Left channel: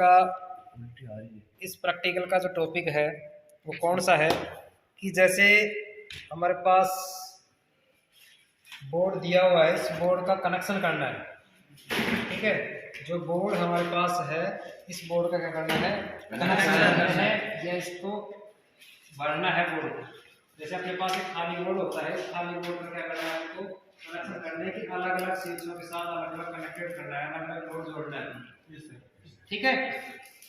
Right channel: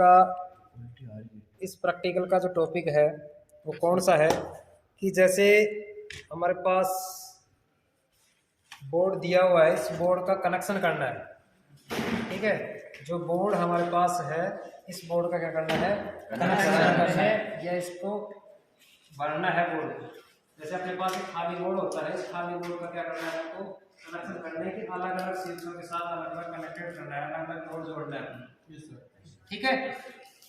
का इस प्रैक्टिकल का जो टॉपिक है वो कौन सा है कि जैसे हमारे पास बोर्ड दिया हुआ है, इस बोर्ड का कनेक्शन करना है। ठीक है, जो बोर्ड हमारे पास है इस बोर्ड का क्या करना है, कनेक्शन करना है या इसको भरना है बोर्ड। जैसे अपने पास एक खाली बोर्ड होता है, खाली बोर्ड का क्या करना है, आपको कनेक्शन करने है कि अलग अलग स्विचों के साथ अलग अलग कनेक्टेड करना है, अलग अलग लोड जोड़ना है। ठीक है,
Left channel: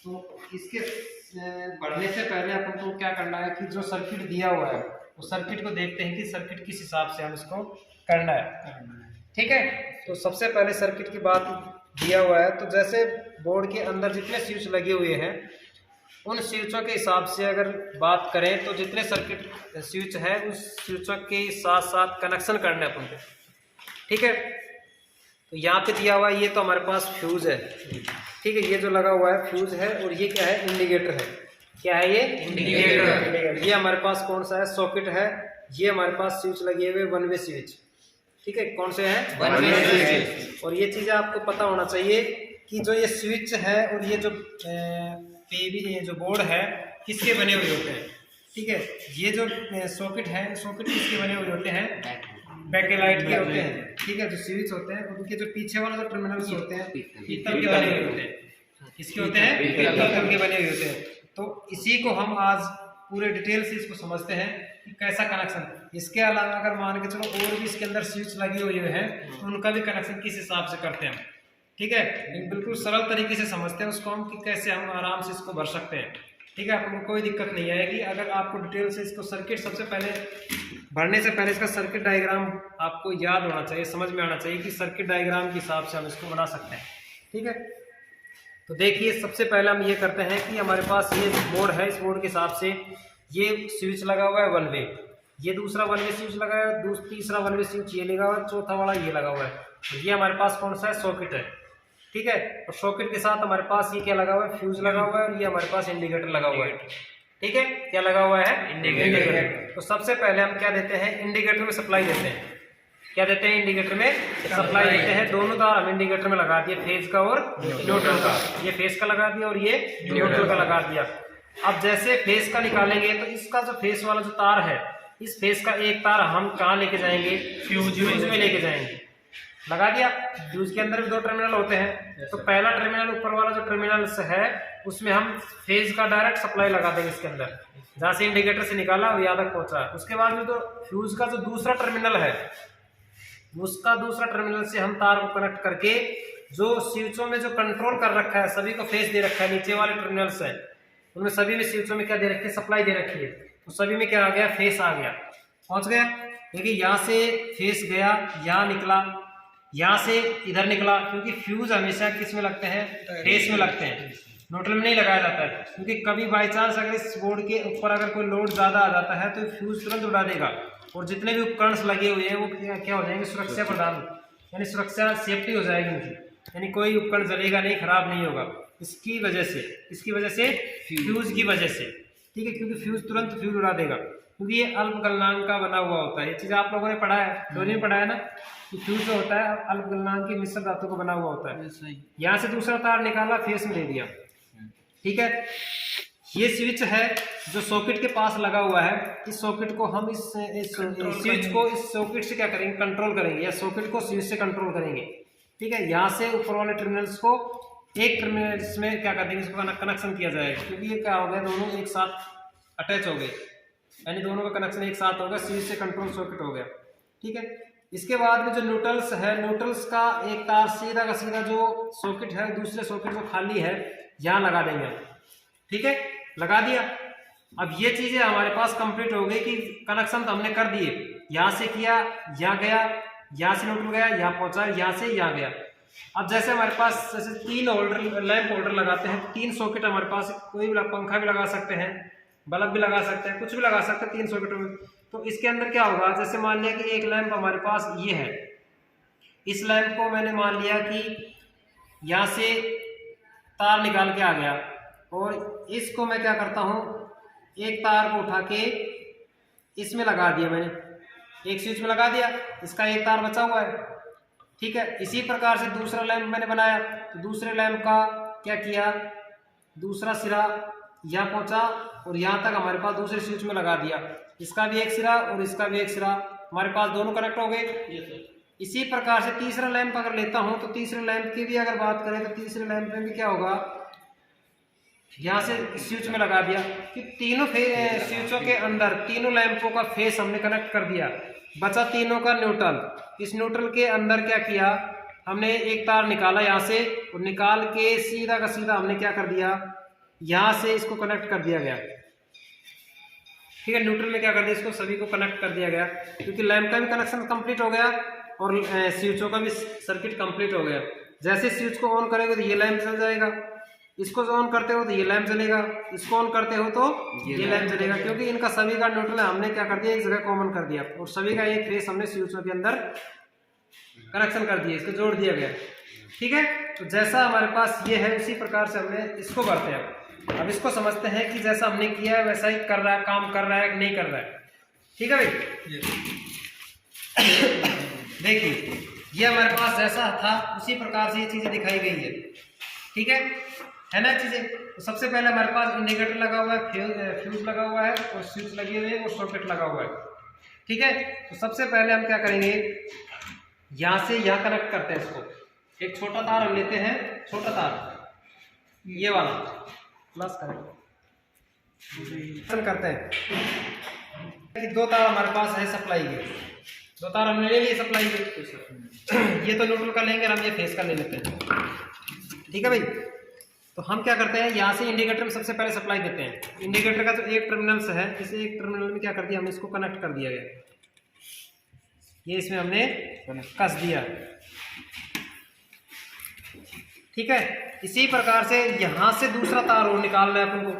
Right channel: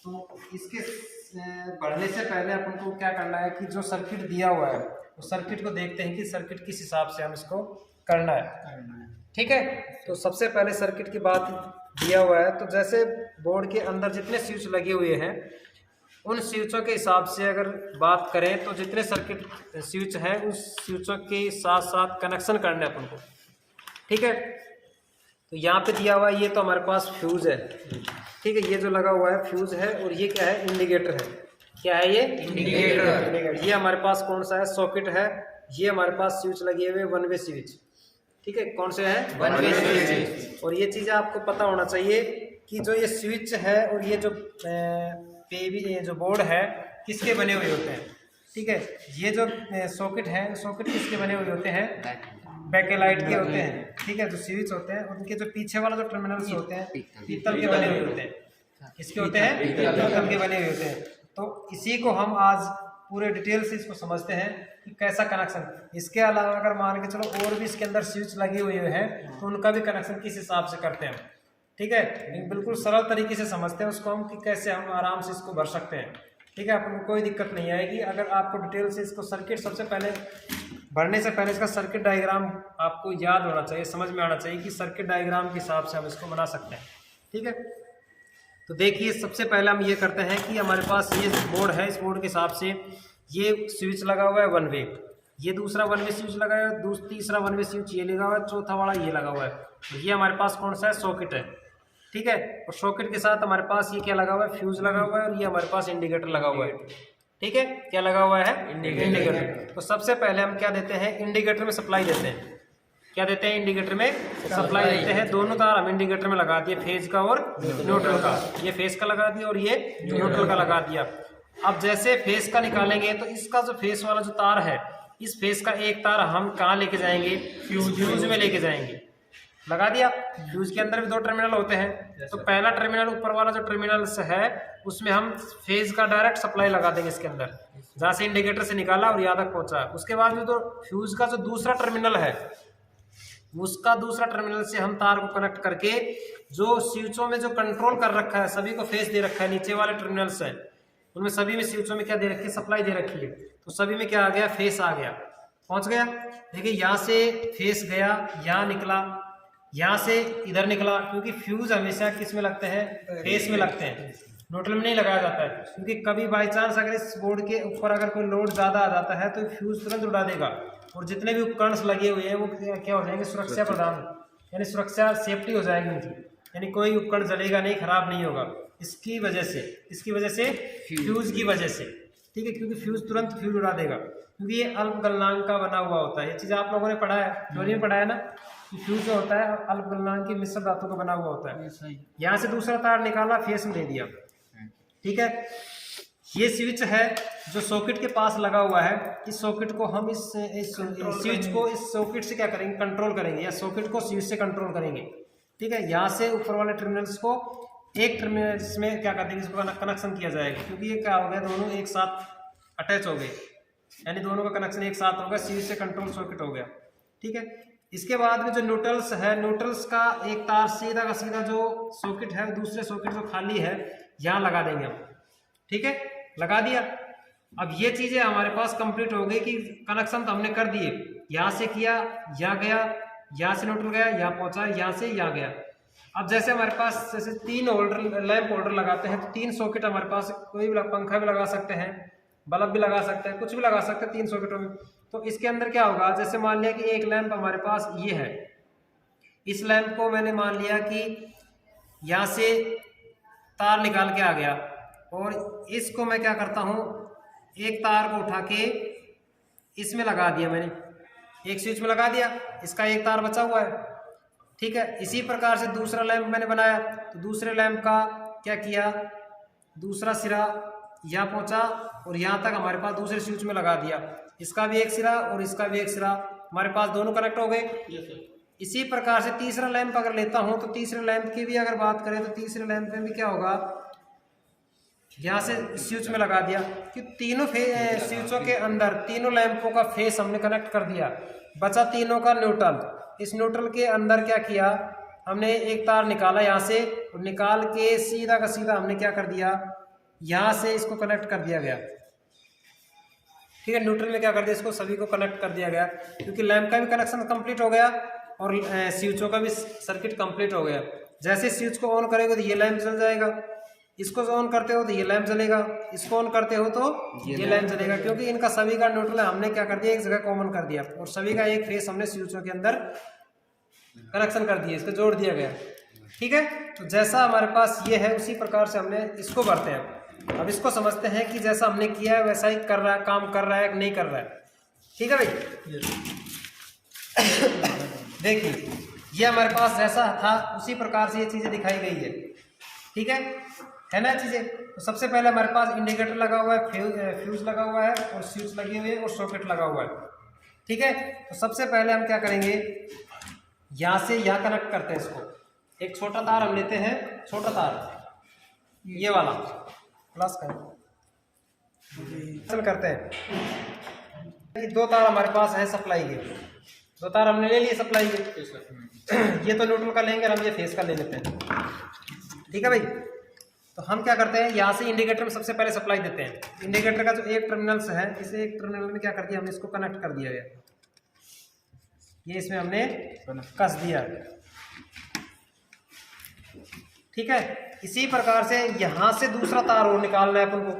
तो इसके बढ़ने से पहले अपन को क्या करना है कि जो सर्किट दिया हुआ है उस सर्किट को देखते हैं कि सर्किट किस हिसाब से हम इसको करना है। ठीक है, तो सबसे पहले सर्किट की बात दिया हुआ है, तो जैसे बोर्ड के अंदर जितने स्विच लगे हुए हैं उन स्विचों के हिसाब से अगर बात करें तो जितने सर्किट स्विच है उस स्विचों के साथ साथ कनेक्शन करना है अपन को। ठीक है, तो यहाँ पे दिया हुआ है, ये तो हमारे पास फ्यूज है। ठीक है, ये जो लगा हुआ है फ्यूज है, और ये क्या है, इंडिकेटर है। क्या है ये, इंडिकेटर। ये हमारे पास कौन सा है, सॉकेट है। ये हमारे पास स्विच लगे हुए वन वे स्विच। ठीक है, कौन से हैं, वन वे स्विच। और ये चीज़ें आपको पता होना चाहिए कि जो ये स्विच है और ये जो ये जो बोर्ड है किसके बने हुए होते हैं। ठीक है, ये जो सॉकेट है, सॉकेट किसके बने हुए होते हैं, बैकलाइट के होते हैं। ठीक है, जो स्विच होते हैं उनके जो पीछे वाला जो टर्मिनल्स होते हैं पीतल के बने हुए होते हैं। किसके होते हैं, पीतल के बने हुए होते हैं। तो इसी को हम आज पूरे डिटेल से इसको समझते हैं कि कैसा कनेक्शन। इसके अलावा अगर मान के चलो और भी इसके अंदर स्विच लगे हुए हैं तो उनका भी कनेक्शन किस हिसाब से करते हैं। ठीक है, बिल्कुल सरल तरीके से समझते हैं उसको हम कि कैसे हम आराम से इसको भर सकते हैं। ठीक है, आपको कोई दिक्कत नहीं आएगी अगर आपको डिटेल से इसको सर्किट, सबसे पहले भरने से पहले इसका सर्किट डायग्राम आपको याद होना चाहिए, समझ में आना चाहिए कि सर्किट डायग्राम के हिसाब से हम इसको बना सकते हैं। ठीक है, तो देखिए सबसे पहले हम ये करते हैं कि हमारे पास ये बोर्ड है, इस बोर्ड के हिसाब से ये स्विच लगा हुआ है वन वे, ये दूसरा वन वे स्विच लगा है, तीसरा वन वे स्विच ये लगा हुआ है, चौथा वाला ये लगा हुआ है। ये हमारे पास कौन सा है, सॉकेट है। ठीक है, और सॉकेट के साथ हमारे पास ये क्या लगा हुआ है, फ्यूज लगा हुआ है, और ये हमारे पास इंडिकेटर लगा हुआ है। ठीक है, क्या लगा हुआ है, इंडिकेटर। तो सबसे पहले हम क्या देते हैं, इंडिकेटर में सप्लाई देते हैं। क्या देते हैं, इंडिकेटर में सप्लाई देते हैं। दोनों तार हम इंडिकेटर में लगा दिए, फेज का और न्यूट्रल का। ये फेज का लगा दिया और ये न्यूट्रल का लगा दिया। अब जैसे फेज का निकालेंगे तो इसका जो फेज वाला जो तार है, इस फेज का एक तार हम कहाँ लेके जाएंगे, फ्यूज में लेके जाएंगे। लगा दिया। फ्यूज के अंदर भी दो टर्मिनल होते हैं, तो पहला टर्मिनल ऊपर वाला जो टर्मिनल है उसमें हम फेज का डायरेक्ट सप्लाई लगा देंगे इसके अंदर, जहाँ से इंडिकेटर से निकाला और यहाँ तक पहुंचा। उसके बाद में तो फ्यूज का जो दूसरा टर्मिनल है उसका दूसरा टर्मिनल से हम तार को कनेक्ट करके जो स्विचों में जो कंट्रोल कर रखा है, सभी को फेस दे रखा है, नीचे वाले टर्मिनल्स है उनमें सभी में स्विचों में क्या दे रखी है, सप्लाई दे रखी है। तो सभी में क्या आ गया, फेस आ गया, पहुंच गया। देखिए यहाँ से फेस गया, यहाँ निकला, यहाँ से इधर निकला, क्योंकि फ्यूज हमेशा किस में लगते हैं, फेस में लगते हैं, न्यूट्रल में नहीं लगाया जाता है। क्योंकि कभी बाई चांस अगर इस बोर्ड के ऊपर अगर कोई लोड ज्यादा आ जाता है तो फ्यूज तुरंत उड़ा देगा, और जितने भी उपकरण लगे हुए हैं वो क्या हो जाएंगे, सुरक्षा प्रदान, यानी सुरक्षा सेफ्टी हो जाएगी उनकी, यानी कोई उपकरण जलेगा नहीं, खराब नहीं होगा। इसकी वजह से, इसकी वजह से, फ्यूज की वजह से। ठीक है, क्योंकि फ्यूज तुरंत फ्यूज उड़ा देगा, क्योंकि ये अल्प गलनांक का बना हुआ होता है। ये चीज आप लोगों ने पढ़ा है, थ्योरी में पढ़ा है ना, कि फ्यूज जो होता है अल्प गलनांक की मिश्र धातु का बना हुआ होता है। यहाँ से दूसरा तार निकाला, फेस में दे दिया। ठीक है, ये स्विच है जो सॉकेट के पास लगा हुआ है। इस सॉकेट को हम इस स्विच को इस सॉकेट से क्या करेंगे, कंट्रोल करेंगे, या सॉकेट को स्विच से कंट्रोल करेंगे। ठीक है, यहाँ से ऊपर वाले टर्मिनल्स को एक टर्मिनल्स में क्या कर देंगे, इसको कनेक्शन किया जाएगा, क्योंकि ये क्या हो गया, दोनों एक साथ अटैच हो गए, यानी दोनों का कनेक्शन एक साथ हो गया, स्विच से कंट्रोल सॉकेट हो गया। ठीक है, इसके बाद में जो न्यूट्रल्स है, न्यूट्रल्स का एक तार सीधा का सीधा जो सॉकेट है, दूसरे सॉकेट जो खाली है यहाँ लगा देंगे हम। ठीक है, लगा दिया। अब ये चीजें हमारे पास कंप्लीट हो गई कि कनेक्शन तो हमने कर दिए, यहाँ से किया, यहाँ गया, यहाँ से न्यूट्रल गया, यहाँ पहुंचा, यहाँ से यहाँ गया। अब जैसे हमारे पास जैसे 3 होल्डर, लैंप होल्डर लगाते हैं, 3 सॉकेट हमारे पास, कोई भी पंखा भी लगा सकते हैं, बल्ब भी लगा सकते हैं, कुछ भी लगा सकते हैं 3 सॉकेटों में। तो इसके अंदर क्या होगा, जैसे मान लिया कि एक लैंप हमारे पास ये है, इस लैंप को मैंने मान लिया कि यहाँ से तार निकाल के आ गया, और इसको मैं क्या करता हूँ, एक तार को उठा के इसमें लगा दिया मैंने, एक स्विच में लगा दिया, इसका एक तार बचा हुआ है। ठीक है, इसी प्रकार से दूसरा लैंप मैंने बनाया, तो दूसरे लैंप का क्या किया, दूसरा सिरा यहाँ पहुंचा और यहाँ तक हमारे पास दूसरे स्विच में लगा दिया। इसका भी एक सिरा और इसका भी एक सिरा, हमारे पास दोनों कनेक्ट हो गए। इसी प्रकार से तीसरा लैंप अगर लेता हूं तो तीसरे लैंप की भी अगर बात करें तो तीसरे लैंप में भी क्या होगा, यहाँ से स्विच में लगा दिया कि तीनों स्विचों के अंदर तीनों लैंपों का फेस हमने कनेक्ट कर दिया, बचा तीनों का न्यूट्रल। इस न्यूट्रल के अंदर क्या किया, हमने एक तार निकाला यहाँ से और निकाल के सीधा का सीधा हमने क्या कर दिया, यहाँ से इसको कनेक्ट कर दिया गया। ठीक है, न्यूट्रल में क्या कर दिया, इसको सभी को कनेक्ट कर दिया गया, क्योंकि लैंप का भी कनेक्शन कंप्लीट हो गया और स्विचों का भी सर्किट कंप्लीट हो गया। जैसे स्विच को ऑन करेंगे तो ये लैंप जल जाएगा, इसको ऑन करते हो तो ये लैंप जलेगा, इसको ऑन करते हो तो ये लैंप जलेगा, क्योंकि इनका सभी का न्यूट्रल हमने क्या कर दिया, एक जगह कॉमन कर दिया और सभी का एक फेस हमने स्विचों के अंदर कनेक्शन कर दिया, इसको जोड़ दिया गया। ठीक है, तो जैसा हमारे पास ये है उसी प्रकार से हमने इसको करते हैं। अब इसको समझते हैं कि जैसा हमने किया है वैसा ही कर रहा है, काम कर रहा है कि नहीं कर रहा है। ठीक है भाई, देखिए ये हमारे पास जैसा था उसी प्रकार से ये चीजें दिखाई गई है। ठीक है ना चीजें। तो सबसे पहले हमारे पास इंडिकेटर लगा हुआ है, फ्यूज लगा हुआ है और स्विच लगी हुई है और सॉकेट लगा हुआ है। ठीक है, तो सबसे पहले हम क्या करेंगे, यहाँ से यहाँ कनेक्ट करते हैं इसको। एक छोटा तार हम लेते हैं, छोटा तार ये वाला प्लस करते हैं कि दो तार हमारे पास है सप्लाई के, दो तार हमने ले लिए सप्लाई के। ये तो न्यूट्रल का लेंगे और हम ये फेस का ले लेते हैं। ठीक है भाई, तो हम क्या करते हैं, यहाँ से इंडिकेटर में सबसे पहले सप्लाई देते हैं। इंडिकेटर का जो एक टर्मिनल से है, इस एक टर्मिनल में क्या कर दिया हमने, इसको कनेक्ट कर दिया गया, ये इसमें हमने कस दिया। ठीक है, इसी प्रकार से यहाँ से दूसरा तार और निकालना है अपन को।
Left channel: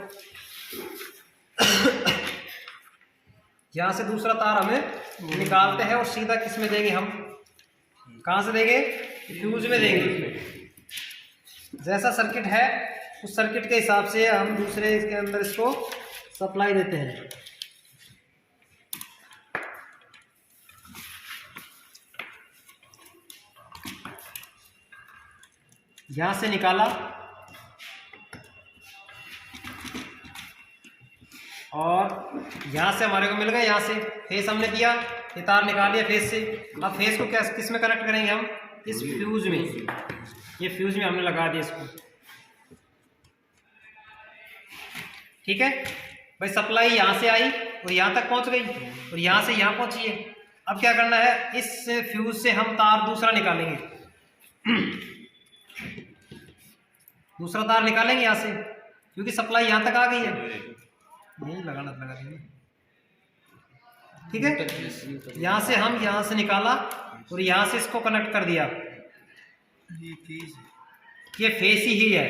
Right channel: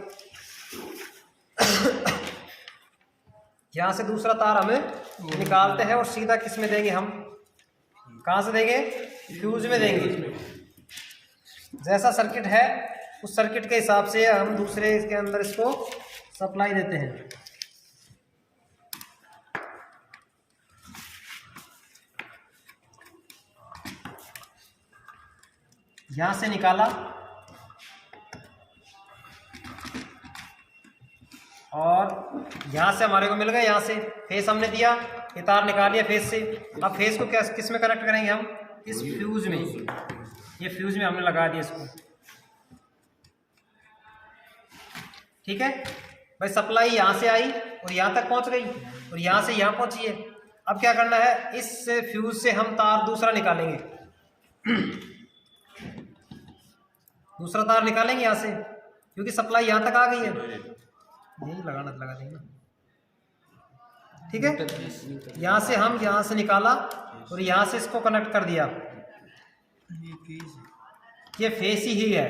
यहाँ से दूसरा तार हमें निकालते हैं और सीधा किस में देंगे, हम कहाँ से देंगे, फ्यूज में देंगे। जैसा सर्किट है उस सर्किट के हिसाब से हम दूसरे इसके अंदर इसको सप्लाई देते हैं। यहाँ से निकाला और यहाँ से हमारे को मिल गया, यहाँ से फेस हमने दिया, ये तार निकाल लिया फेस से। अब फेस को क्या किस में कनेक्ट करेंगे हम, इस फ्यूज में, ये फ्यूज में हमने लगा दिया इसको। ठीक है भाई, सप्लाई यहाँ से आई और यहाँ तक पहुँच गई और यहाँ से यहाँ पहुँची है। अब क्या करना है, इस फ्यूज से हम तार दूसरा निकालेंगे, दूसरा तार निकालेंगे यहाँ से, क्योंकि सप्लाई यहाँ तक आ गई है। यही लगाना लगा देंगे। ठीक है, यहाँ से हम यहाँ से निकाला और यहाँ से इसको कनेक्ट कर दिया, ये फेस ही है।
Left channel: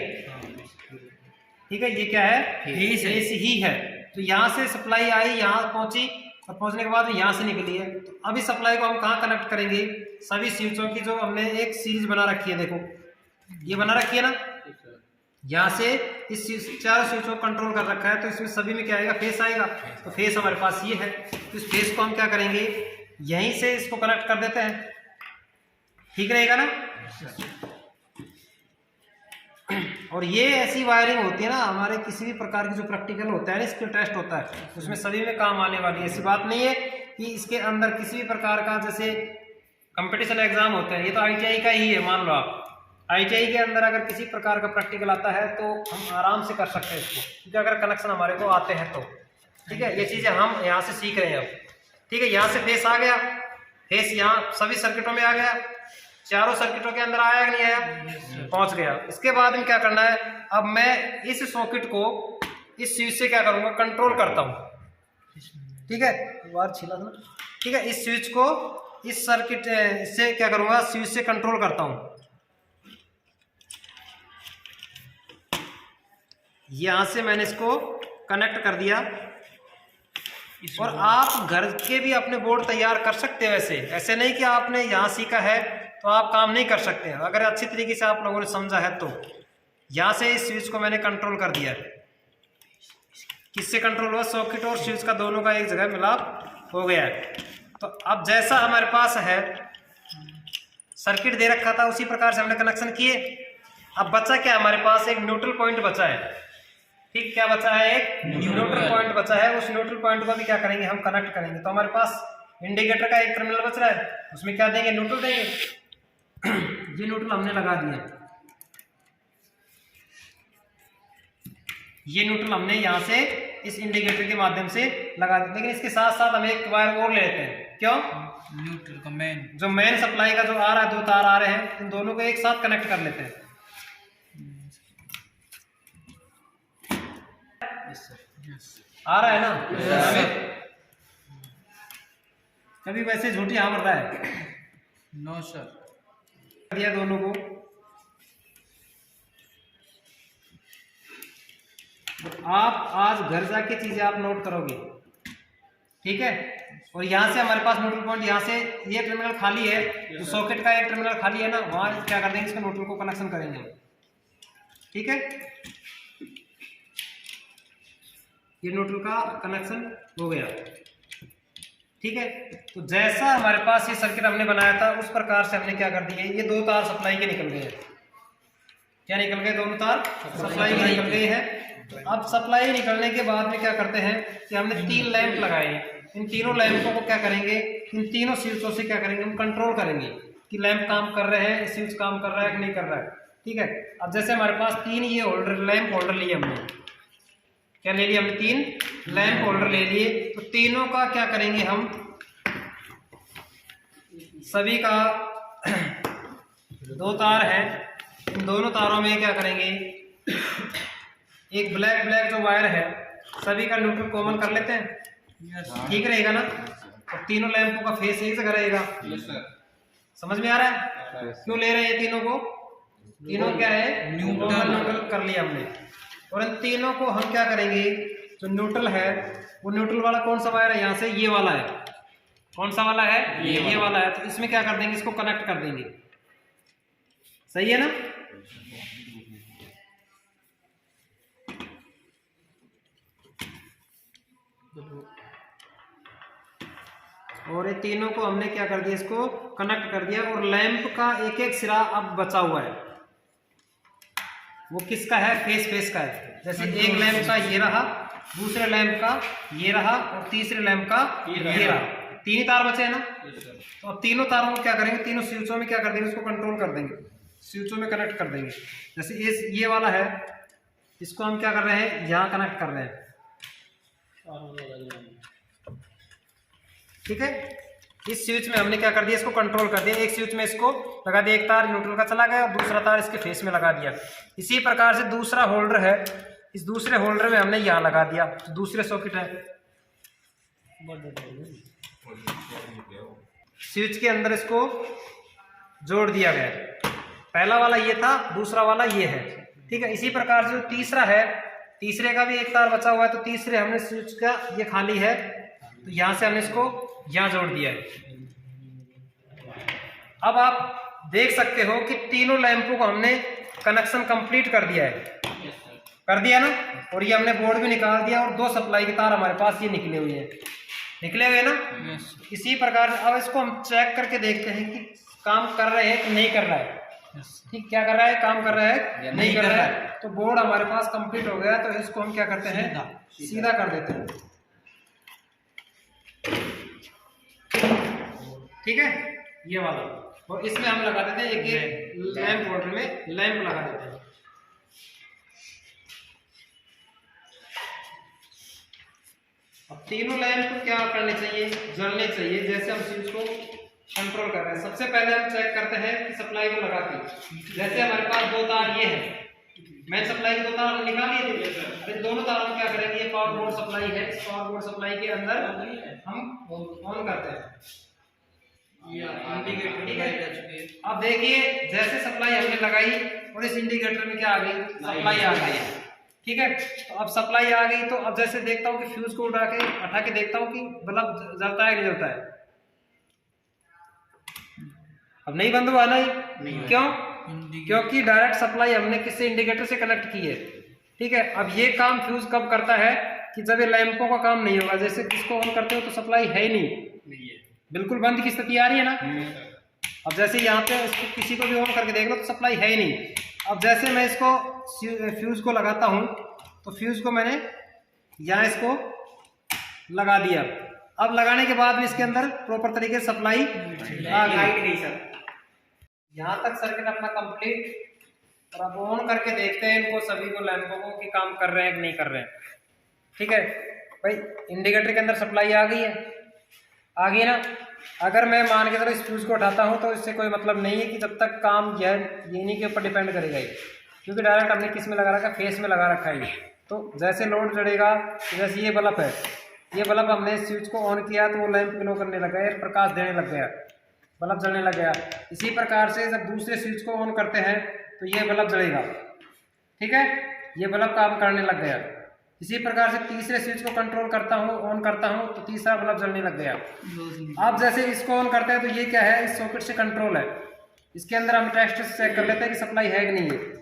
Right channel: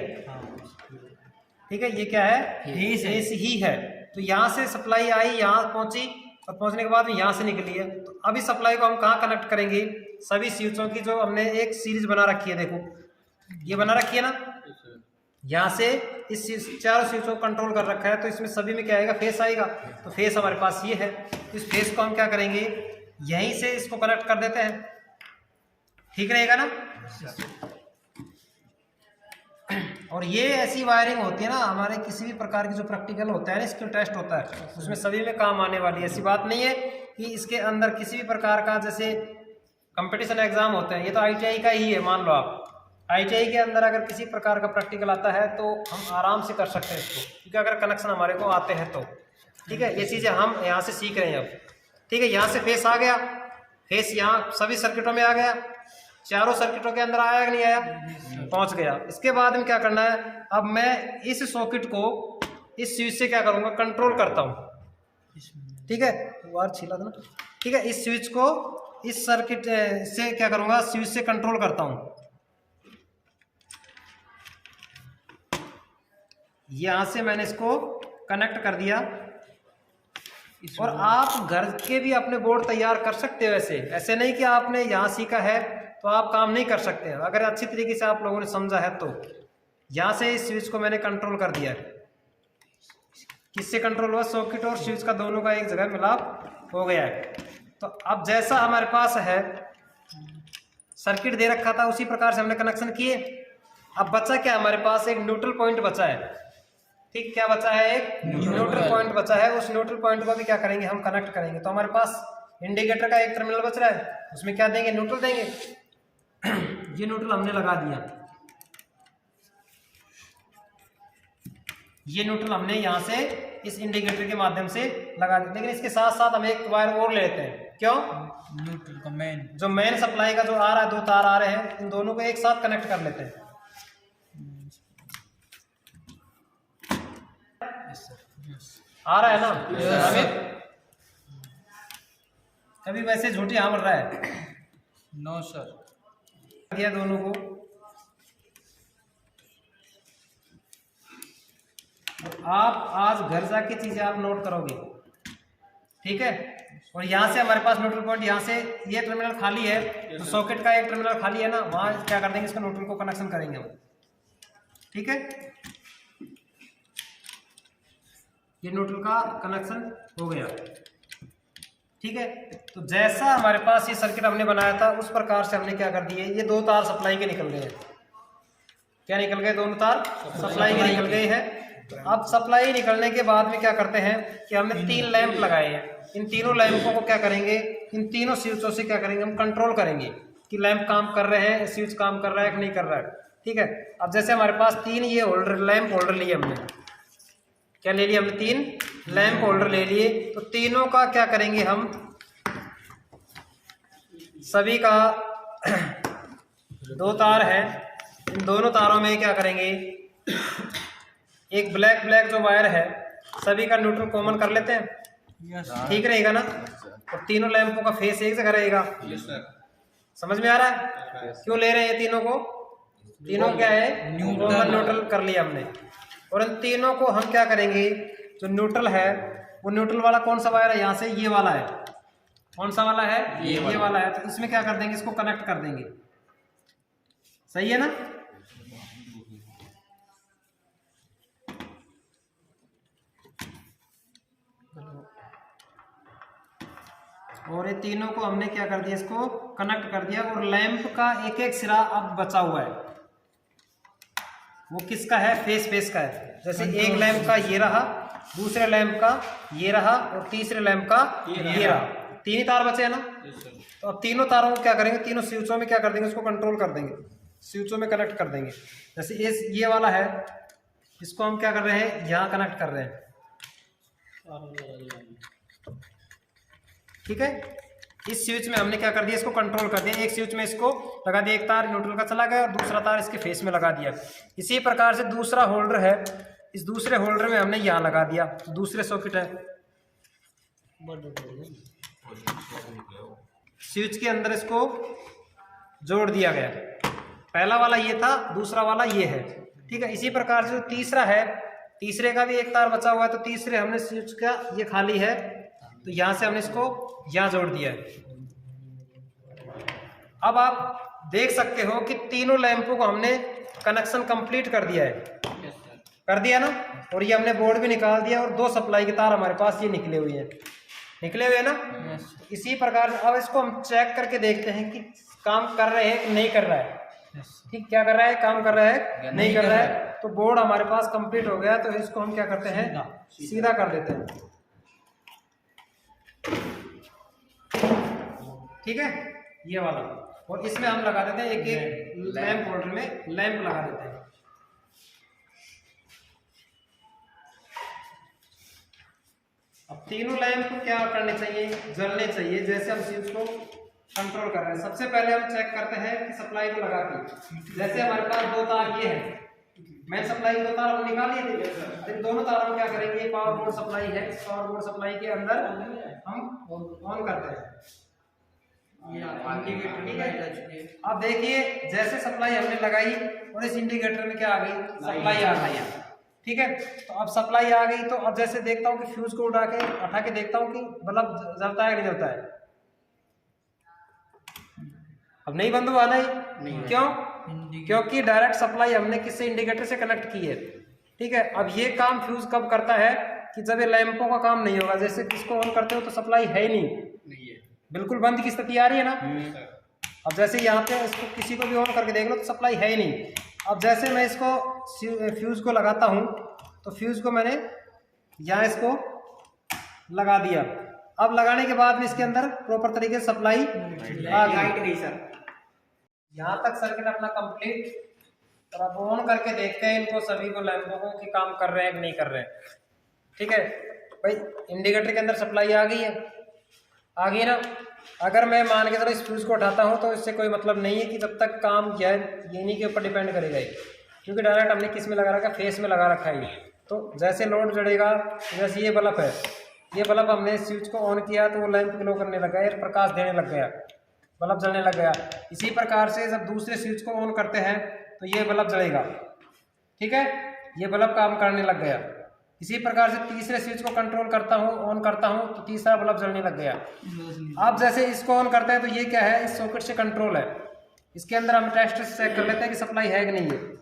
ठीक है, ये क्या है, फेस ही है। तो यहाँ से सप्लाई आई, यहाँ पहुंची और पहुंचने के बाद यहाँ से निकली है। तो अभी सप्लाई को हम कहाँ कनेक्ट करेंगे, सभी स्विचों की जो हमने एक सीरीज बना रखी है, देखो ये बना रखी है ना, यहाँ से इस चार स्विचों को कंट्रोल कर रखा है। तो इसमें सभी में क्या आएगा, फेस आएगा। तो फेस हमारे पास ये है, तो इस फेस को हम क्या करेंगे, यहीं से इसको कनेक्ट कर देते हैं। ठीक रहेगा ना। और ये ऐसी वायरिंग होती है ना, हमारे किसी भी प्रकार की जो प्रैक्टिकल होता है ना, इसके टेस्ट होता है, उसमें सभी में काम आने वाली है। ऐसी बात नहीं है कि इसके अंदर किसी भी प्रकार का, जैसे कंपटीशन एग्जाम होता है, ये तो ITI का ही है, मान लो आप ITI के अंदर अगर किसी प्रकार का प्रैक्टिकल आता है तो हम आराम से कर सकते हैं इसको, क्योंकि अगर कनेक्शन हमारे को आते हैं तो। ठीक है, ये चीज़ें हम यहाँ से सीख रहे हैं अब। ठीक है, यहाँ से फेस आ गया, फेस यहाँ सभी सर्किटों में आ गया, चारों सर्किटों के अंदर आया कि नहीं आया, पहुंच गया। इसके बाद में क्या करना है, अब मैं इस सॉकेट को इस स्विच से क्या करूंगा, कंट्रोल करता हूं। ठीक है, बार छिला था ना। ठीक है, इस स्विच को इस सर्किट से क्या करूंगा, स्विच से कंट्रोल करता हूं। यहां से मैंने इसको कनेक्ट कर दिया। और आप घर के भी अपने बोर्ड तैयार कर सकते हो, ऐसे नहीं कि आपने यहाँ सीखा है तो आप काम नहीं कर सकते हैं। अगर अच्छी तरीके से आप लोगों ने समझा है तो यहाँ से इस स्विच को मैंने कंट्रोल कर दिया है। किससे कंट्रोल हुआ, सॉकेट और स्विच का दोनों का एक जगह मिलाप हो गया है। तो अब जैसा हमारे पास है सर्किट दे रखा था, उसी प्रकार से हमने कनेक्शन किए। अब बचा क्या, हमारे पास एक न्यूट्रल पॉइंट बचा है। ठीक, क्या बचा है, एक न्यूट्रल पॉइंट बचा है। उस न्यूट्रल पॉइंट को भी क्या करेंगे, हम कनेक्ट करेंगे। तो हमारे पास इंडिकेटर का एक टर्मिनल बच रहा है, उसमें क्या देंगे, न्यूट्रल देंगे। ये न्यूट्रल हमने लगा दिया, ये न्यूट्रल हमने यहाँ से इस इंडिकेटर के माध्यम से लगा दिया। लेकिन इसके साथ साथ हम एक वायर और ले लेते हैं। क्यों, न्यूट्रल का मेन जो मेन सप्लाई का जो आ रहा है, 2 तार आ रहे हैं, इन दोनों को एक साथ कनेक्ट कर लेते हैं। आ रहा है ना हमें, कभी वैसे झूठी हाँ मर रहा है। नो सर, दिया दोनों को, आप आज घर जाके चीजें आप नोट करोगे, ठीक है। और यहाँ से हमारे पास न्यूट्रल पॉइंट, यहाँ से ये टर्मिनल खाली है, तो सॉकेट का एक टर्मिनल खाली है ना, वहाँ क्या कर देंगे, इसका न्यूट्रल को कनेक्शन करेंगे हम, ठीक है। ये न्यूट्रल का कनेक्शन हो गया, ठीक है। तो जैसा हमारे पास ये सर्किट हमने बनाया था, उस प्रकार से हमने क्या कर दिया, ये 2 तार सप्लाई के निकल गए हैं। क्या निकल गए, दोनों तार सप्लाई के निकल गए हैं। तो अब सप्लाई निकलने के बाद में क्या करते हैं कि हमने 3 लैंप लगाए हैं। इन तीनों लैंपों को क्या करेंगे, इन तीनों स्विचों से क्या करेंगे, हम कंट्रोल करेंगे कि लैंप काम कर रहे हैं, स्विच काम कर रहा है कि नहीं कर रहा है, ठीक है। अब जैसे हमारे पास 3 ये होल्डर, लैंप होल्डर लिए हमने, क्या ले लिया हमने, 3 लैंप होल्डर ले लिए। तो तीनों का क्या करेंगे हम, सभी का 2 तार है, इन दोनों तारों में क्या करेंगे, एक ब्लैक जो वायर है, सभी का न्यूट्रल कॉमन कर लेते हैं, ठीक रहेगा ना। और तीनों लैंपों का फेस एक जगह रहेगा, समझ में आ रहा है क्यों ले रहे हैं तीनों को, तीनों क्या है, कॉमन न्यूट्रल कर लिया हमने। और इन तीनों को हम क्या करेंगे, जो न्यूट्रल है, वो न्यूट्रल वाला कौन सा वायर है, यहाँ से ये वाला है, कौन सा वाला है, ये वाला है। तो इसमें क्या कर देंगे, इसको कनेक्ट कर देंगे, सही है ना। और ये तीनों को हमने क्या कर दिया, इसको कनेक्ट कर दिया। और लैंप का एक एक सिरा अब बचा हुआ है, वो किसका है, फेस का है। जैसे एक लैंप का ये रहा, दूसरे लैंप का ये रहा, और तीसरे लैंप का ये रहा, 3 तार बचे हैं ना। तो अब तीनों तारों को क्या करेंगे, तीनों स्विचों में क्या कर देंगे, इसको कंट्रोल कर देंगे, स्विचों में कनेक्ट कर देंगे। जैसे ये वाला है, इसको हम क्या कर रहे हैं, यहाँ कनेक्ट कर रहे हैं, ठीक है। इस स्विच में हमने क्या कर दिया, इसको कंट्रोल कर दिया। एक स्विच में इसको लगा दिया, एक तार न्यूट्रल का चला गया और दूसरा तार इसके फेस में लगा दिया। इसी प्रकार से दूसरा होल्डर है, इस दूसरे होल्डर में हमने यहाँ लगा दिया, तो दूसरे सॉकेट है, स्विच के अंदर इसको जोड़ दिया गया। पहला वाला ये था, दूसरा वाला ये है, ठीक है। इसी प्रकार से जो तीसरा है, तीसरे का भी एक तार बचा हुआ है, तो तीसरे हमने स्विच का ये खाली है, तो यहाँ से हमने इसको यहाँ जोड़ दिया है। अब आप देख सकते हो कि तीनों लैंपों को हमने कनेक्शन कंप्लीट कर दिया है, कर दिया ना। और ये हमने बोर्ड भी निकाल दिया, और 2 सप्लाई के तार हमारे पास ये निकले हुए हैं, निकले हुए ना। इसी प्रकार अब इसको हम चेक करके देखते हैं कि काम कर रहे हैं कि नहीं कर रहा है, ठीक, क्या कर रहा है, काम कर रहा है नहीं कर रहा है। तो बोर्ड हमारे पास कंप्लीट हो गया, तो इसको हम क्या करते हैं, सीधा कर देते हैं, ठीक है, ये वाला। और इसमें हम लगा देते हैं एक लैंप होल्डर में लैंप लगा देते हैं। अब तीनों लैंप क्या करने चाहिए, जलने चाहिए, जैसे हम स्विच को कंट्रोल कर रहे हैं। सबसे पहले हम चेक करते हैं कि सप्लाई को लगा के, जैसे हमारे पास 2 तार ये है, मेन सप्लाई के 2 तार हम निकाल लिए थे, इन दोनों तारों में क्या करेंगे, ये पावर बोर्ड सप्लाई है, इस पावर बोर्ड सप्लाई के अंदर हम ऑन करते हैं, ठीक है। अब देखिए, जैसे सप्लाई हमने लगाई और इस इंडिकेटर में क्या आ गई, सप्लाई आ गई, ठीक है। तो अब सप्लाई आ गई, तो अब जैसे देखता हूँ कि फ्यूज को हटा के देखता हूँ कि बल्ब जलता है कि नहीं जलता है। अब नहीं बंद हुआ, नहीं, क्यों, क्योंकि डायरेक्ट सप्लाई हमने किसी इंडिकेटर से कनेक्ट की है, ठीक है। अब ये काम फ्यूज कब करता है कि जब ये लैंपों का काम नहीं होगा, जैसे इसको ऑन करते हो तो सप्लाई है ही नहीं, बिल्कुल बंद की स्थिति आ रही है ना। अब जैसे यहाँ पे इसको किसी को भी ऑन करके देख लो तो सप्लाई है ही नहीं। अब जैसे मैं इसको फ्यूज को लगाता हूँ, तो तो फ्यूज़ को मैंने यहाँ इसको लगा दिया। अब लगाने के बाद भी इसके अंदर प्रॉपर तरीके से सप्लाई आ गई सर। यहाँ तक सर्किट अपना कंप्लीट। और अब ऑन करके देखते हैं इनको सभी को लैंपों को कि काम कर रहे हैं कि नहीं कर रहे हैं। ठीक है भाई, इंडिकेटर के अंदर सप्लाई आ गई है, आ गई ना। अगर मैं मान के चलो इस फ्यूज़ को उठाता हूँ तो इससे कोई मतलब नहीं है कि जब तक काम जो है ये इन्हीं के ऊपर डिपेंड करेगा ये, क्योंकि डायरेक्ट हमने किस में लगा रखा है, फेस में लगा रखा है ये। तो जैसे लोड जड़ेगा, जैसे ये बल्ब है, ये बल्ब हमने स्विच को ऑन किया तो वो लैंप ग्लो करने लग गया, प्रकाश देने लग गया, बल्ब जलने लग गया। इसी प्रकार से जब दूसरे स्विच को ऑन करते हैं तो ये बल्ब जलेगा। ठीक है, ये बल्ब काम करने लग गया। इसी प्रकार से तीसरे स्विच को कंट्रोल करता हूँ, ऑन करता हूँ तो तीसरा बल्ब जलने लग गया। अब जैसे इसको ऑन करते हैं तो ये क्या है, इस सॉकेट से कंट्रोल है। इसके अंदर हम टेस्ट से चेक कर लेते हैं कि सप्लाई है कि नहीं है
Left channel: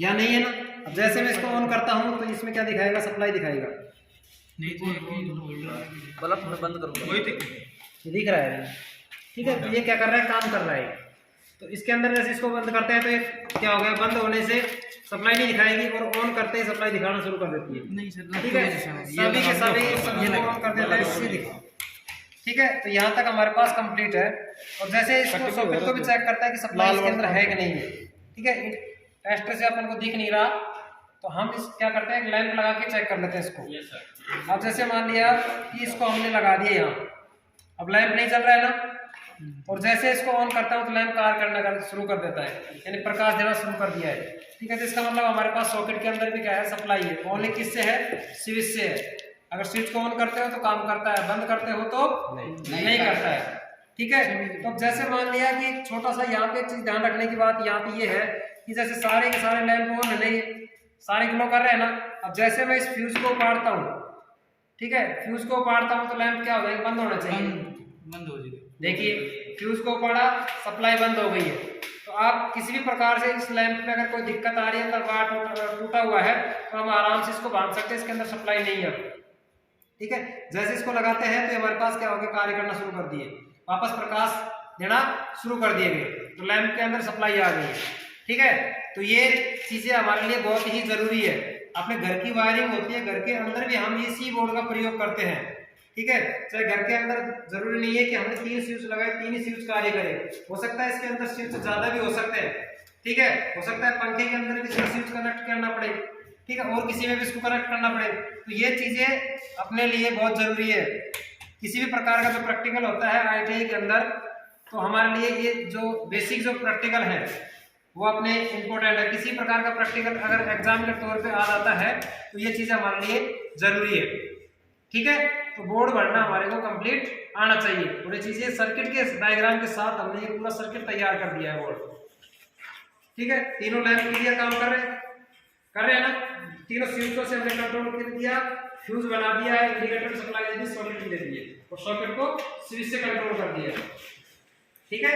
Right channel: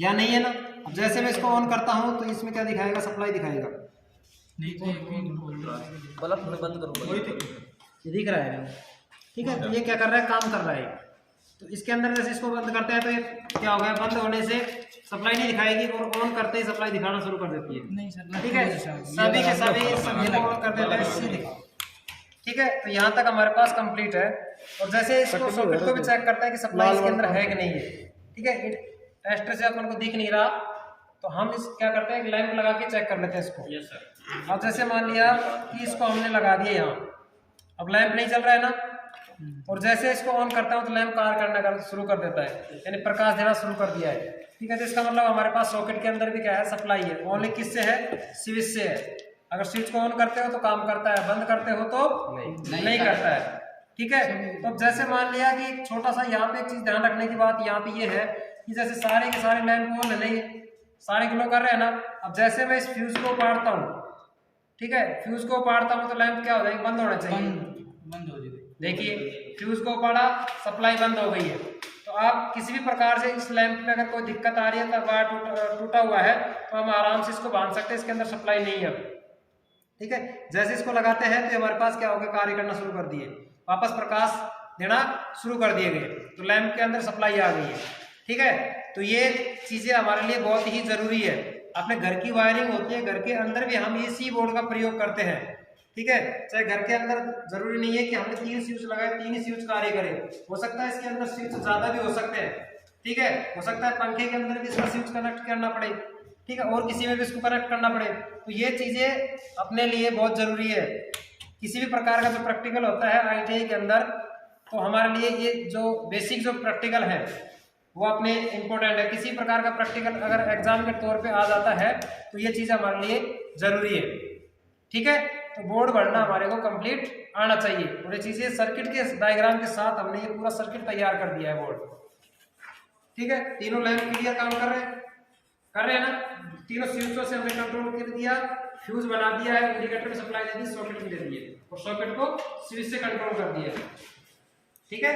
या नहीं है ना। अब जैसे मैं इसको ऑन करता हूँ तो इसमें क्या दिखाएगा, सप्लाई दिखाएगा। बल्ब में बंद करूँगा, ये दिख रहा है। ठीक है, तो ये क्या कर रहा है, काम कर रहा है। तो इसके अंदर जैसे इसको बंद करते हैं तो ये क्या हो गया, बंद होने से सप्लाई नहीं दिखाएगी और ऑन करते ही सप्लाई दिखाना शुरू कर देती है। नहीं सर, ठीक है, सभी के सभी ऑन कर देते हैं। ठीक है, तो यहाँ तक हमारे पास कंप्लीट है। और जैसे इसको सॉकेट को भी चेक करता है कि सप्लाई इसके अंदर है कि नहीं है। ठीक है, टेस्टर से अपन को दिख नहीं रहा तो हम इस क्या करते हैं, लैंप लगा के चेक कर लेते हैं इसको। Yes sir. अब जैसे मान लिया कि इसको हमने लगा दिया यहाँ, अब लैंप नहीं चल रहा है ना, और जैसे इसको ऑन करता हूँ तो लैंप कार्य करना शुरू कर देता है, यानी प्रकाश देना शुरू कर दिया है। ठीक है, तो इसका मतलब हमारे पास सॉकेट के अंदर भी क्या है, सप्लाई है। ओनली किससे है, स्विच से है। अगर स्विच को ऑन करते हो तो काम करता है, बंद करते हो तो नहीं करता है। ठीक है, तो जैसे मान लिया कि एक छोटा सा यहाँ पे एक चीज ध्यान रखने की बात यहाँ पे ये है कि जैसे सारे के सारे लैंप ऑन नहीं है, सारे ग्लो कर रहे हैं ना। अब जैसे मैं इस फ्यूज को उपाड़ता हूँ, ठीक है, फ्यूज को उपाड़ता हूँ तो लैंप क्या हो जाएगा, बंद होना चाहिए, बंद हो जाएगी। देखिए फ्यूज को उपाड़ा, सप्लाई बंद हो गई है। तो आप किसी भी प्रकार से इस लैंप में अगर कोई दिक्कत आ रही है, वायर टूटा हुआ है, तो हम आराम से इसको बांध सकते हैं, इसके अंदर सप्लाई नहीं है। ठीक है, जैसे इसको लगाते हैं तो हमारे पास क्या हो गया, कार्य करना शुरू कर दिए, वापस प्रकाश देना शुरू कर दिए गए, तो लैंप के अंदर सप्लाई आ गई है। ठीक है, तो ये चीजें हमारे लिए बहुत ही जरूरी है। अपने घर की वायरिंग होती है, घर के अंदर भी हम इसी बोर्ड का प्रयोग करते हैं। ठीक है, चाहे घर के अंदर जरूरी नहीं है कि हमने 3 स्विच लगाए 3 ही स्विच कार्य करे, हो सकता है इसके अंदर स्विच ज्यादा भी हो सकते हैं। ठीक है, हो सकता है पंखे के अंदर भी इसका स्विच कनेक्ट करना पड़े, ठीक है, और किसी में भी इसको कनेक्ट करना पड़े। तो ये चीजें अपने लिए बहुत जरूरी है। किसी भी प्रकार का जो प्रैक्टिकल होता है ITI के अंदर, तो हमारे लिए ये जो बेसिक जो प्रैक्टिकल है वो अपने इम्पोर्टेंट है। किसी प्रकार का प्रैक्टिकल अगर एग्जाम के तौर पे आ जाता है तो ये चीजें हमारे लिए जरूरी है। ठीक है, तो बोर्ड भरना हमारे को कंप्लीट आना चाहिए, और ये चीजें सर्किट के डायग्राम के साथ हमने ये पूरा सर्किट तैयार कर दिया है बोर्ड। ठीक है, तीनों लैंप क्लियर काम कर रहे हैं ना, तीनों स्विचों से हमने कंट्रोल कर दिया, फ्यूज बना दिया है, इंडिकेटर सप्लाई दे दी, सॉकेट दे दिए, और सॉकेट को स्विच से कंट्रोल कर दिया। ठीक है,